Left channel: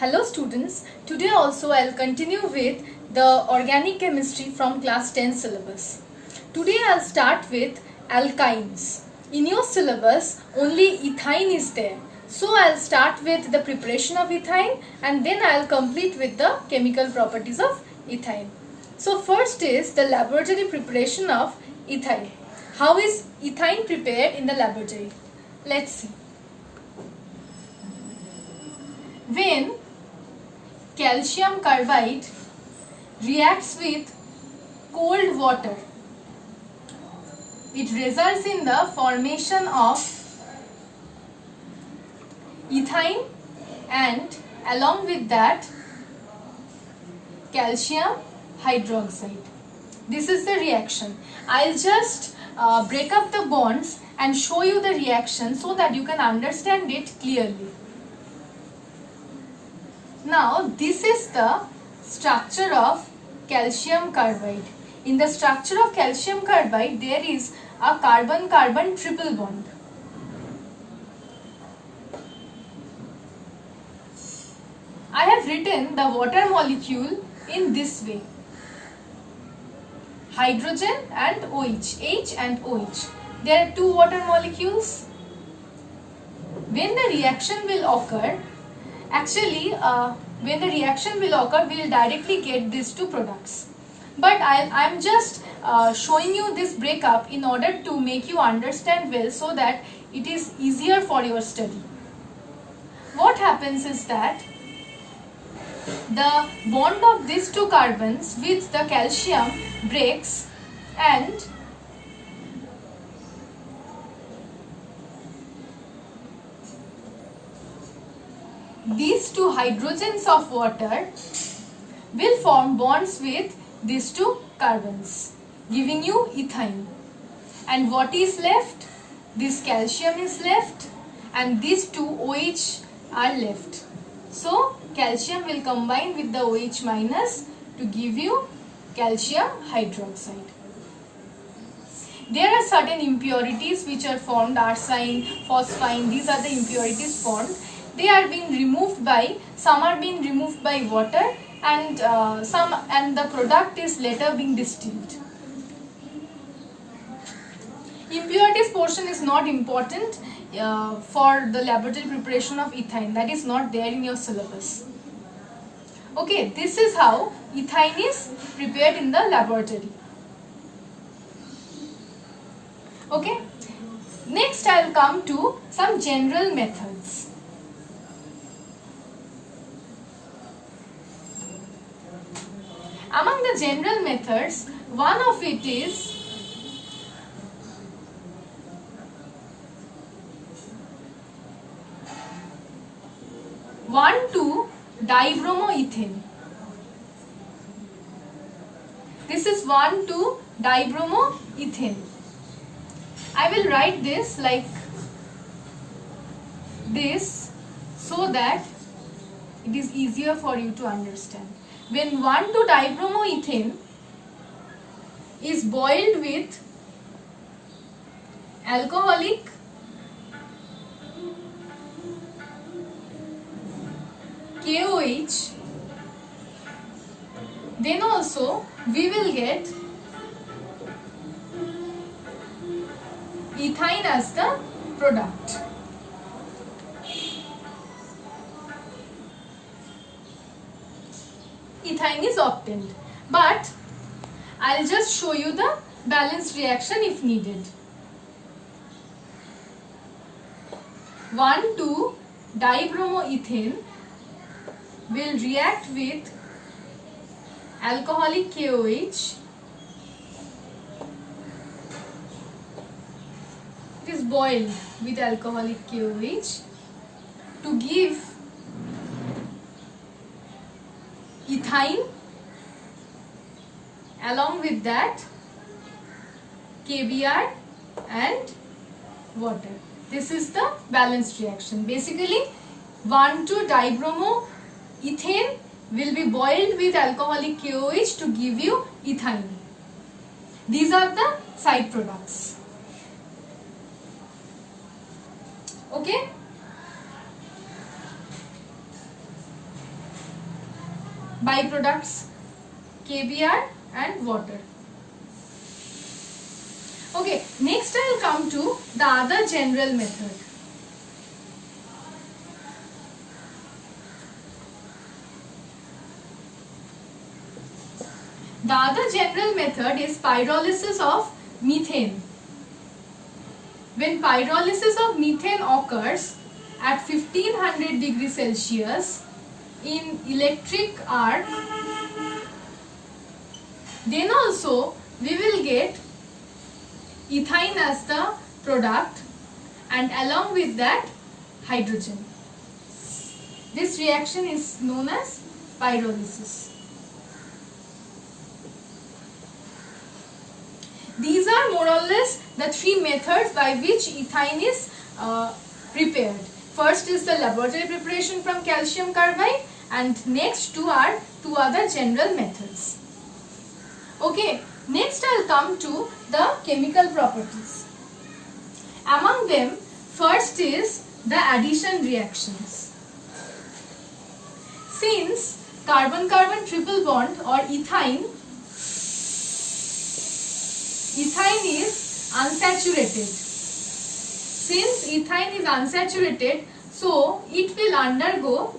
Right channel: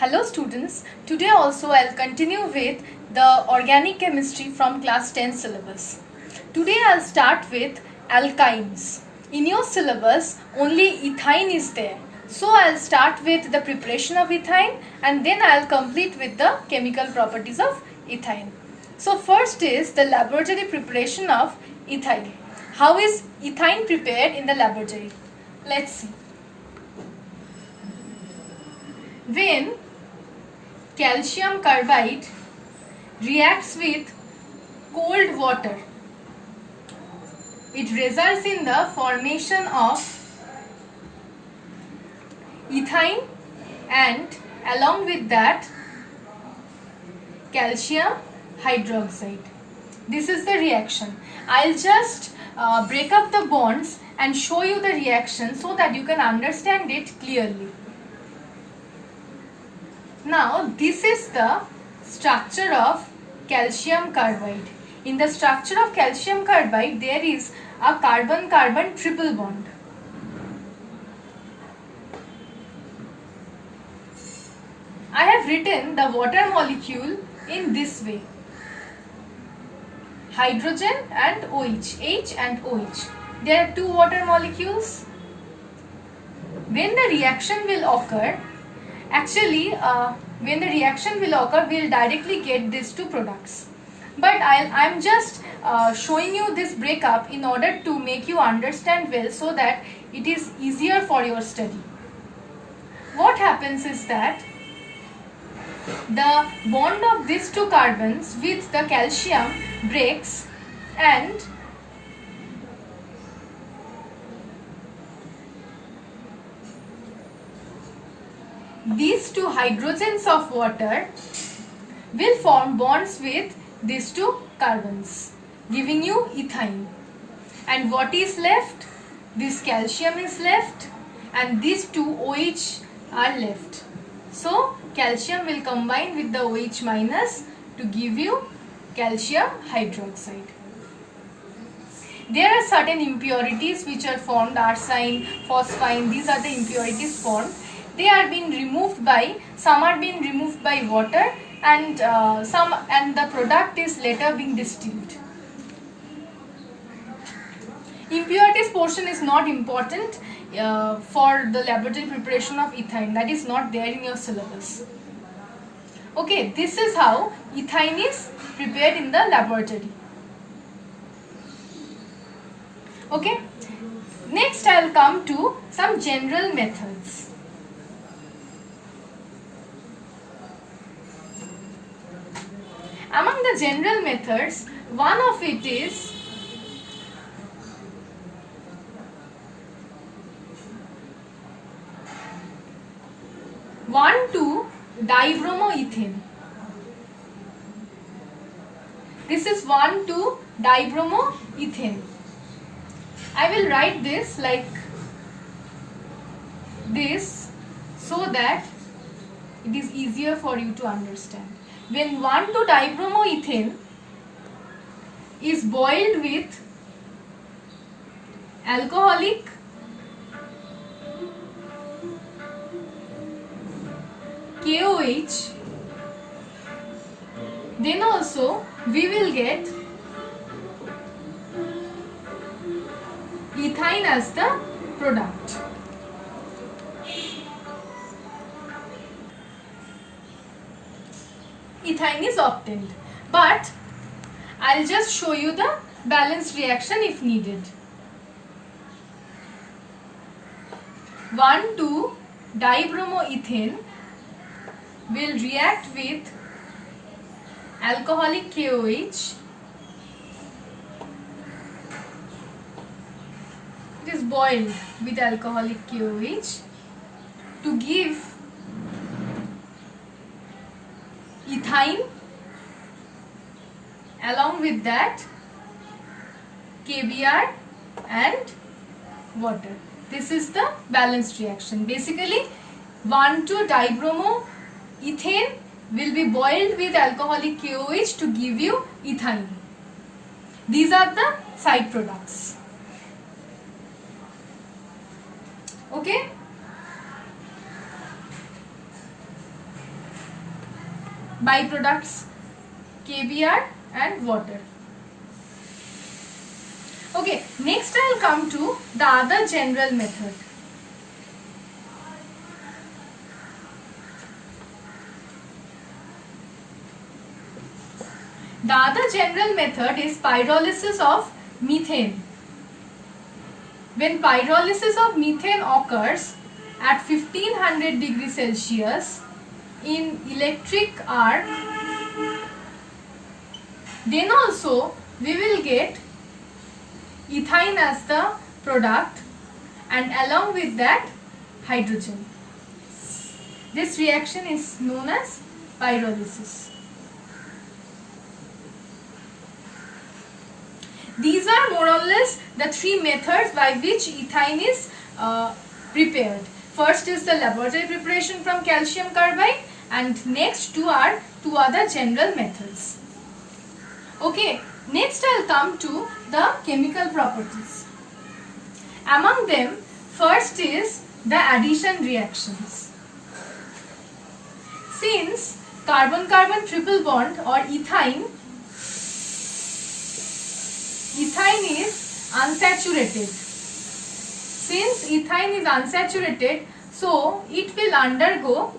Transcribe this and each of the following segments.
Hello students, today also I'll continue with the organic chemistry from class 10 syllabus. Today I'll start with alkynes. In your syllabus only ethyne is there. So I'll start with the preparation of ethyne and then I'll complete with the chemical properties of ethyne. So first is the laboratory preparation of ethyne. How is ethyne prepared in the laboratory? Let's see. When calcium carbide reacts with cold water, it results in the formation of ethyne and along with that calcium hydroxide. This is the reaction. I'll just break up the bonds and show you the reaction so that you can understand it clearly. Now this is the structure of calcium carbide. In the structure of calcium carbide there is a carbon-carbon triple bond. I have written the water molecule in this way. Hydrogen and OH, H and OH. There are two water molecules. When the reaction will occur, when the reaction will occur, we will directly get these two products. But I'm just showing you this breakup in order to make you understand well so that it is easier for your study. What happens is that the bond of these two carbons with the calcium breaks and these two hydrogens of water will form bonds with these two carbons, giving you ethyne. And what is left? This calcium is left and these two OH are left. So calcium will combine with the OH minus to give you calcium hydroxide. There are certain impurities which are formed, arsine, phosphine, these are the impurities formed. They are being removed by, some are being removed by water and the product is later being distilled. Impurities portion is not important for the laboratory preparation of ethyne, that is not there in your syllabus. Okay, this is how ethyne is prepared in the laboratory. Okay, next I will come to some general methods. Among the general methods, one of it is (1,2-dibromoethane). This is 1,2-dibromoethane. I will write this like this so that it is easier for you to understand. When 1,2-dibromoethane is boiled with alcoholic KOH, then also we will get ethyne as the product. Ethyne is obtained, but I'll just show you the balanced reaction if needed. 1,2-dibromoethane will react with alcoholic KOH. It is boiled with alcoholic KOH to give ethyne, along with that KBr and water. This is the balanced reaction. Basically 1,2-dibromoethane will be boiled with alcoholic KOH to give you ethyne. These are the side products. Okay. byproducts KBr and water. Okay, next I'll come to the other general method. The other general method is pyrolysis of methane. When pyrolysis of methane occurs at 1500 degrees Celsius in electric arc, then also we will get ethane as the product and along with that hydrogen. This reaction is known as pyrolysis. These are more or less the three methods by which ethane is prepared. First is the laboratory preparation from calcium carbide, and next two are two other general methods. Okay, next I'll come to the chemical properties. Among them, first is the addition reactions. Since carbon-carbon triple bond or ethane is unsaturated. Since ethane is unsaturated, so it will undergo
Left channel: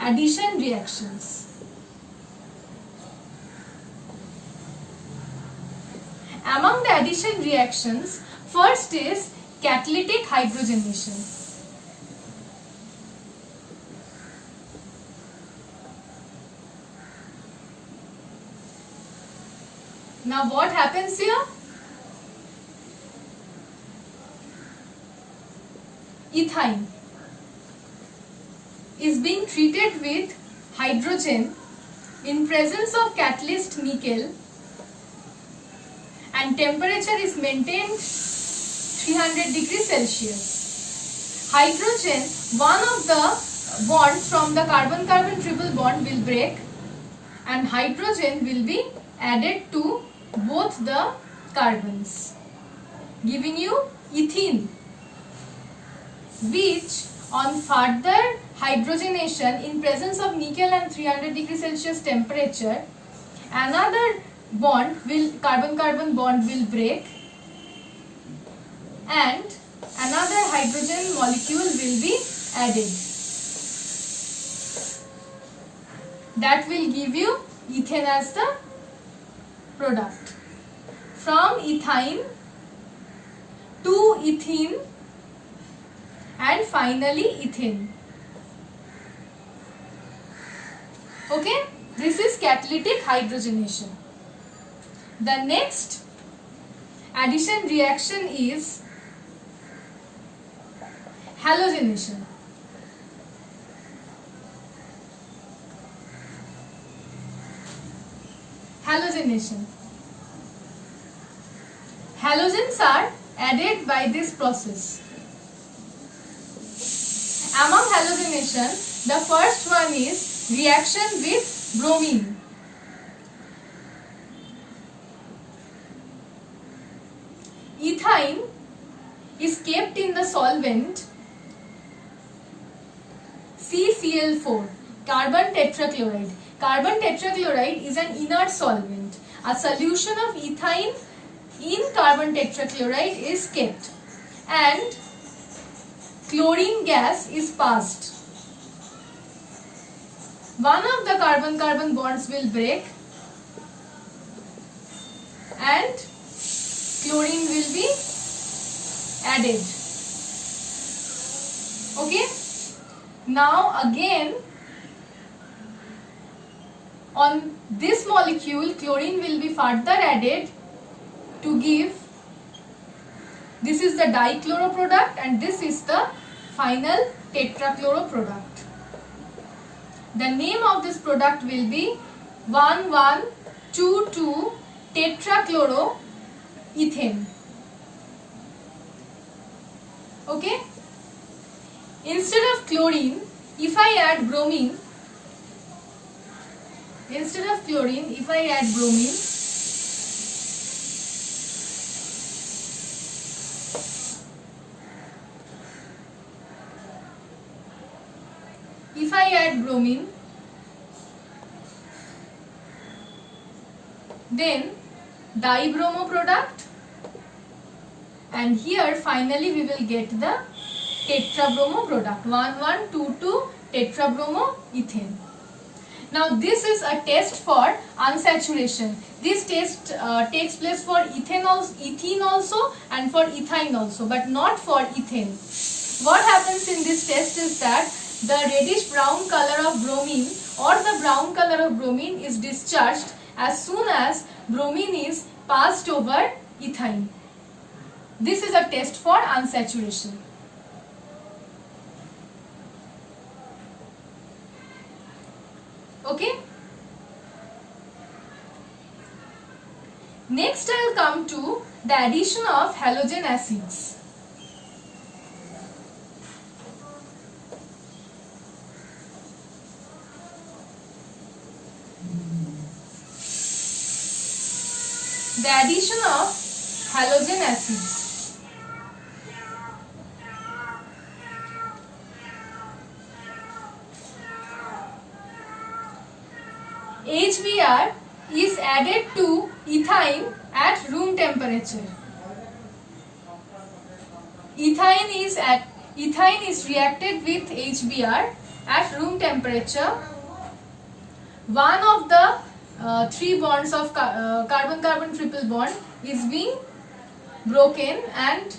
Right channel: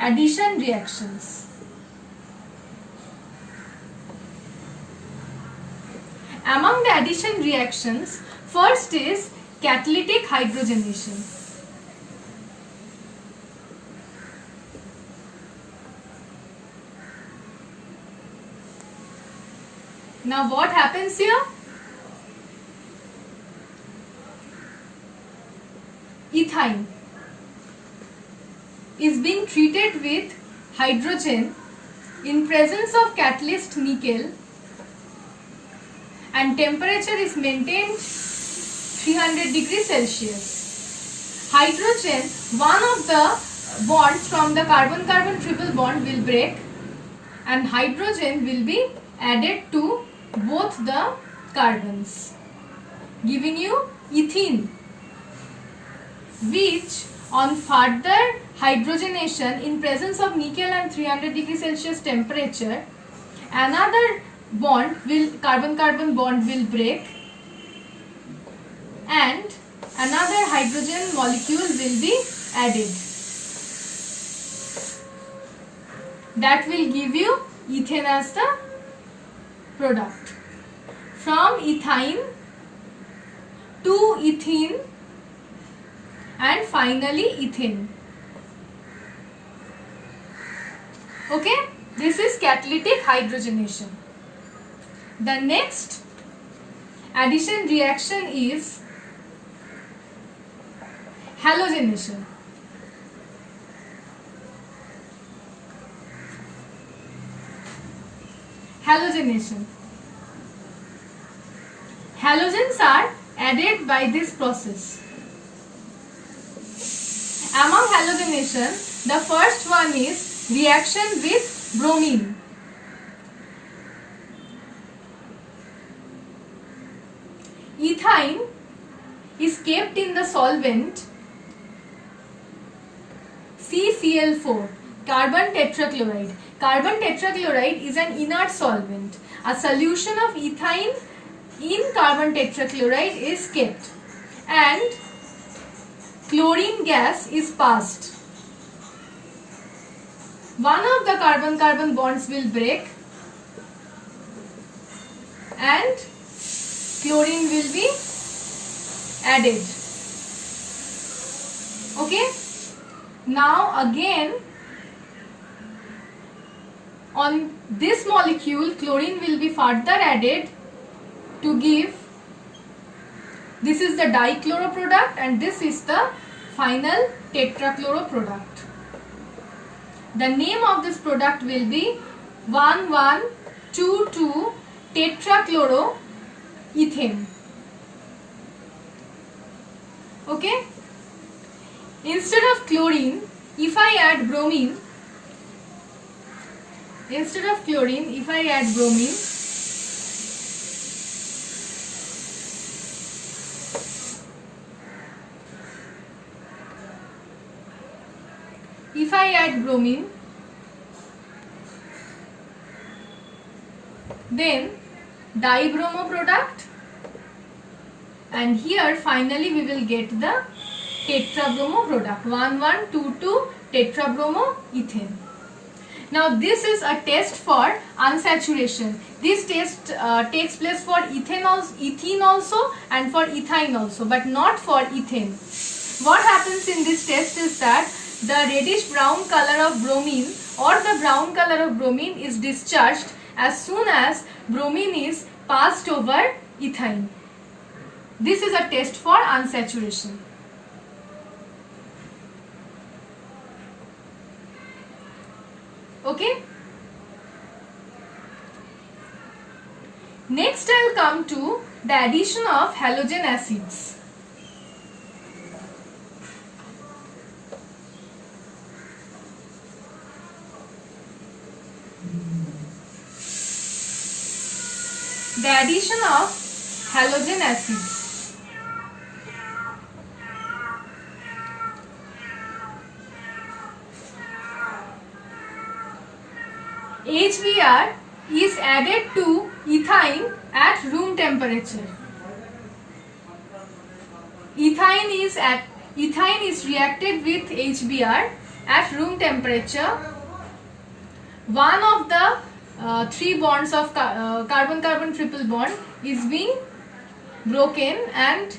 addition reactions. Among the addition reactions, first is catalytic hydrogenation. Now what happens here? Ethane is being treated with hydrogen in presence of catalyst nickel, and temperature is maintained 300 degrees Celsius. Hydrogen, one of the bonds from the carbon-carbon triple bond will break and hydrogen will be added to both the carbons, giving you ethene, which on further hydrogenation in presence of nickel and 300 degrees Celsius temperature, another carbon-carbon bond will break and another hydrogen molecule will be added. That will give you ethane as the product. From ethane to ethene and finally ethane. Okay, this is catalytic hydrogenation. The next addition reaction is halogenation. Halogenation. Halogens are added by this process. Among halogenation, the first one is reaction with bromine. Ethyne is kept in the solvent CCl4, carbon tetrachloride. Carbon tetrachloride is an inert solvent. A solution of ethyne in carbon tetrachloride is kept and chlorine gas is passed. One of the carbon-carbon bonds will break and chlorine will be added. Okay. Now again on this molecule chlorine will be further added to give, this is the dichloro product and this is the final tetrachloro product. The name of this product will be 1122 tetrachloroethane. Okay. Instead of chlorine, if I add bromine, then dibromo product, and here finally we will get the tetrabromo product, 1122 tetrabromo ethane. Now this is a test for unsaturation. This test takes place for ethene also and for ethyne also, but not for ethane. What happens in this test is that the reddish brown color of bromine or the brown color of bromine is discharged as soon as bromine is passed over ethyne. This is a test for unsaturation. Okay. Next I will come to the addition of halogen acids. The addition of halogen acids. HBr is added to ethyne at room temperature. Ethyne is reacted with HBr at room temperature. One of the three bonds of carbon-carbon triple bond is being broken, and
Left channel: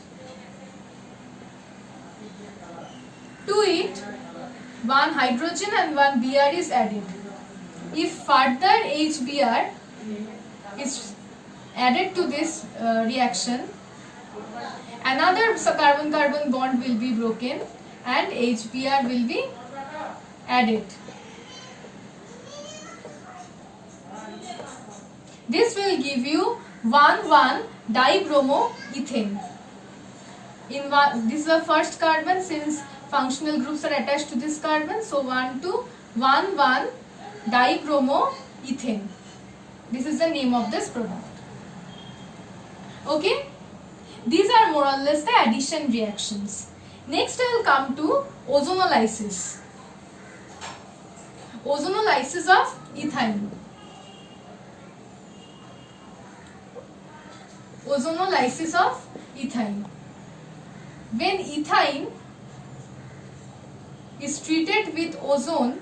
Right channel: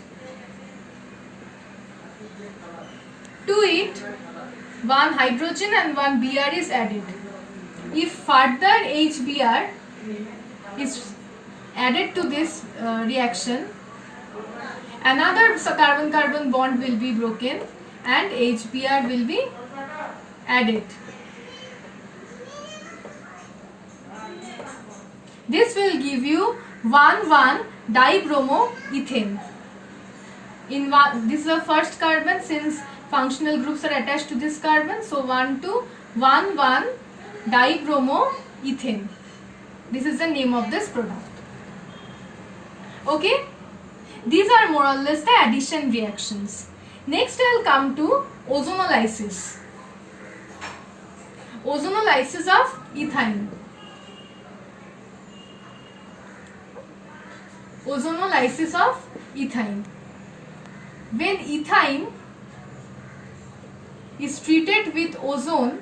to it one hydrogen and one Br is added. If further HBr is added to this reaction, another carbon-carbon bond will be broken and HBr will be added. This will give you 1,1-dibromo ethane. This is the first carbon, since functional groups are attached to this carbon, so 1,2,1,1-dibromo ethane. This is the name of this product. Okay, these are more or less the addition reactions. Next I will come to ozonolysis. Ozonolysis of ethyne. Ozonolysis of ethyne. When ethyne is treated with ozone,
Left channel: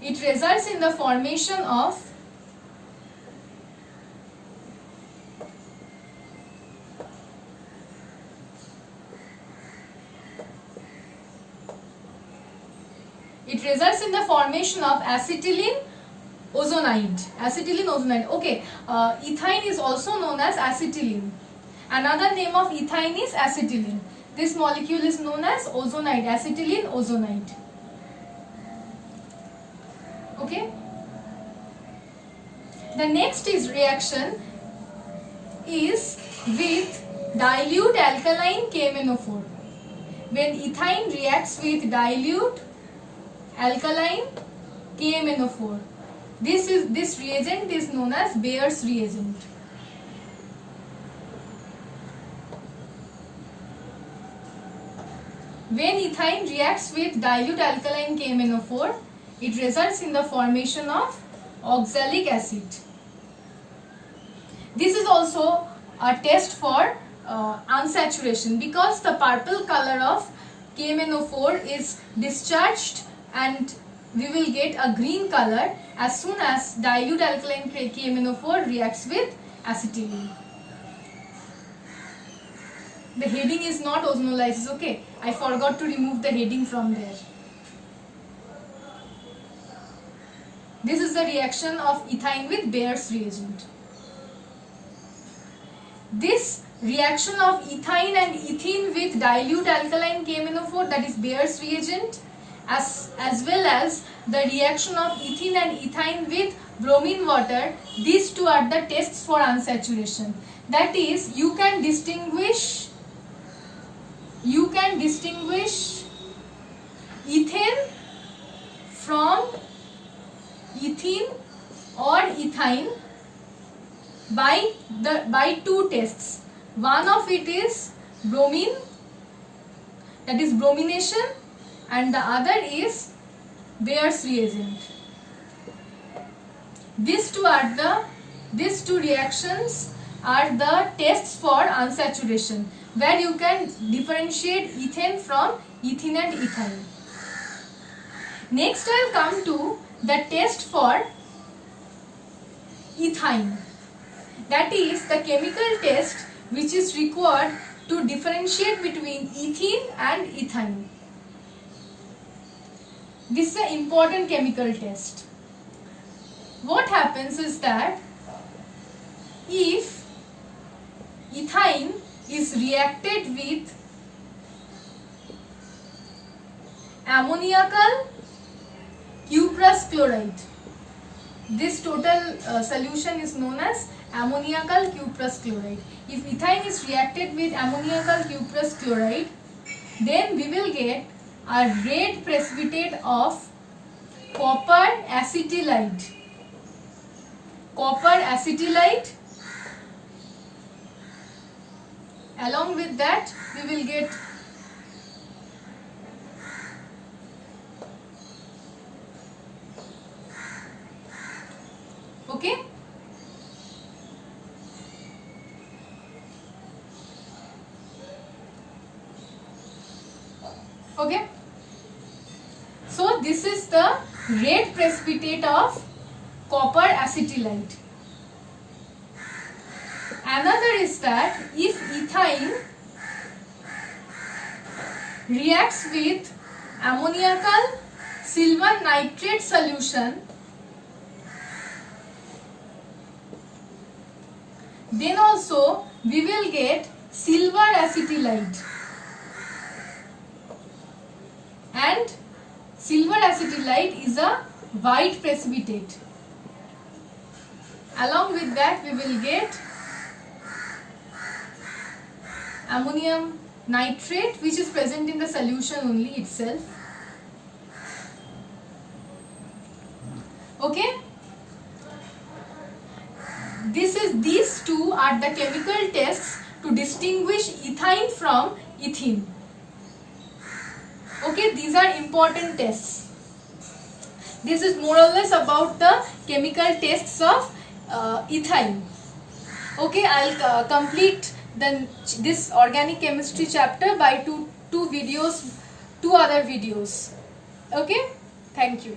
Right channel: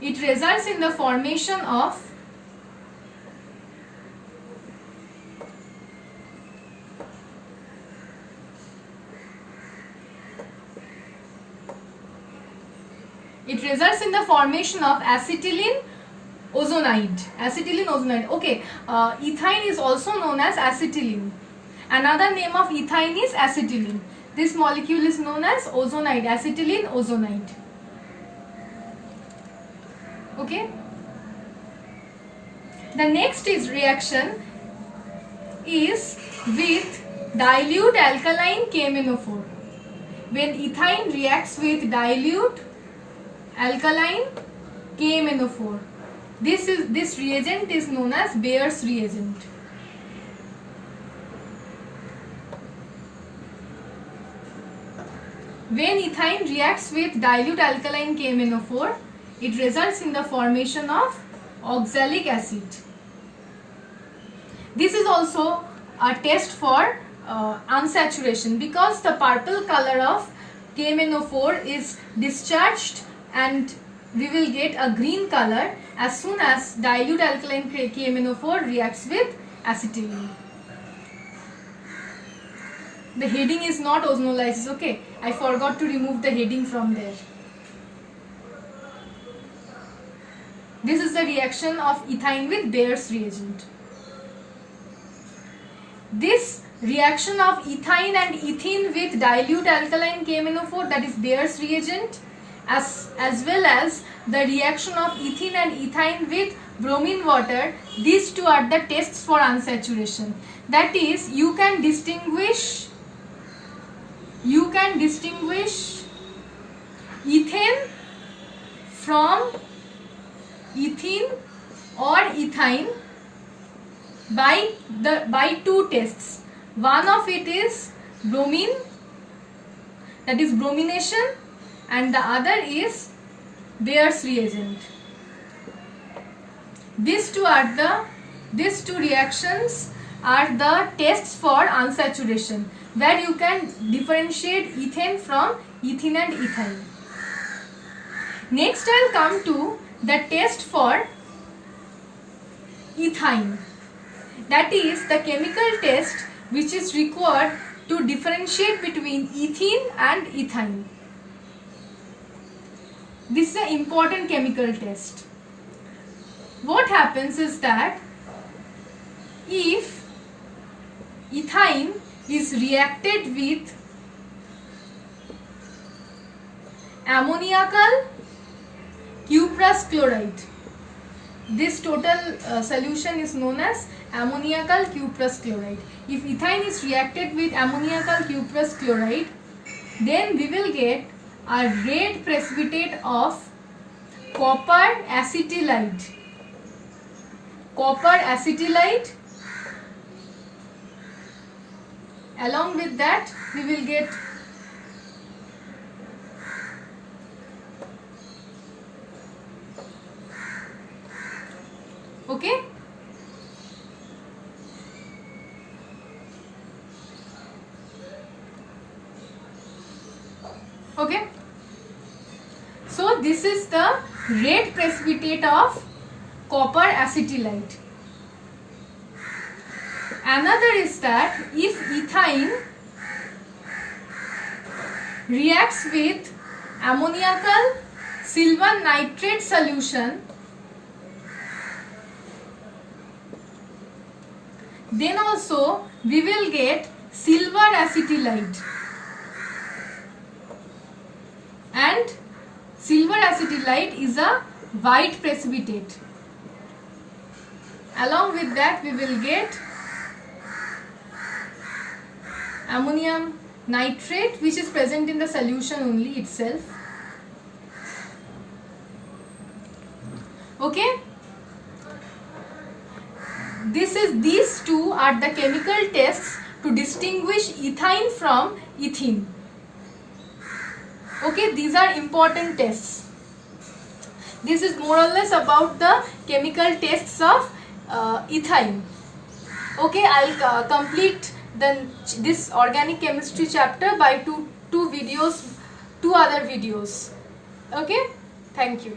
it results in the formation of acetylene ozonide. Acetylene ozonide. Okay, ethyne is also known as acetylene. Another name of ethyne is acetylene. This molecule is known as ozonide, acetylene ozonide. Okay. The next reaction is with dilute alkaline KMnO4. When ethyne reacts with dilute alkaline KMnO4, this reagent is known as Bayer's reagent. When ethyne reacts with dilute alkaline KMnO4, it results in the formation of oxalic acid. This is also a test for unsaturation, because the purple color of KMnO4 is discharged and we will get a green color as soon as dilute alkaline KMnO4 reacts with acetylene. The heading is not ozonolysis, okay? I forgot to remove the heading from there. This is the reaction of ethyne with Bayer's reagent. This reaction of ethyne and ethene with dilute alkaline KMnO4, that is Bayer's reagent, as well as the reaction of ethene and ethyne with bromine water, these two are the tests for unsaturation. That is, you can distinguish ethane from ethene or ethyne by two tests. One of it is bromine, that is bromination, and the other is Bayer's reagent. These two reactions are the tests for unsaturation, where you can differentiate ethane from ethene and ethyne. Next, I'll come to the test for ethyne. That is the chemical test which is required to differentiate between ethene and ethyne. This is an important chemical test. What happens is that if ethyne is reacted with ammoniacal cuprous chloride, this total solution is known as ammoniacal cuprous chloride. If ethyne is reacted with ammoniacal cuprous chloride, then we will get a red precipitate of copper acetylide. Copper acetylide. Along with that, we will get okay. Okay. So this is the red precipitate of copper acetylide. Another is that if ethyne reacts with ammoniacal silver nitrate solution, then also we will get silver acetylide. And silver acetylide is a white precipitate. Along with that, we will get ammonium nitrate, which is present in the solution only itself. Okay. These two are the chemical tests to distinguish ethyne from ethene. Okay, these are important tests. This is more or less about the chemical tests of ethyne. Okay, I'll complete this organic chemistry chapter by two other videos. Okay, thank you.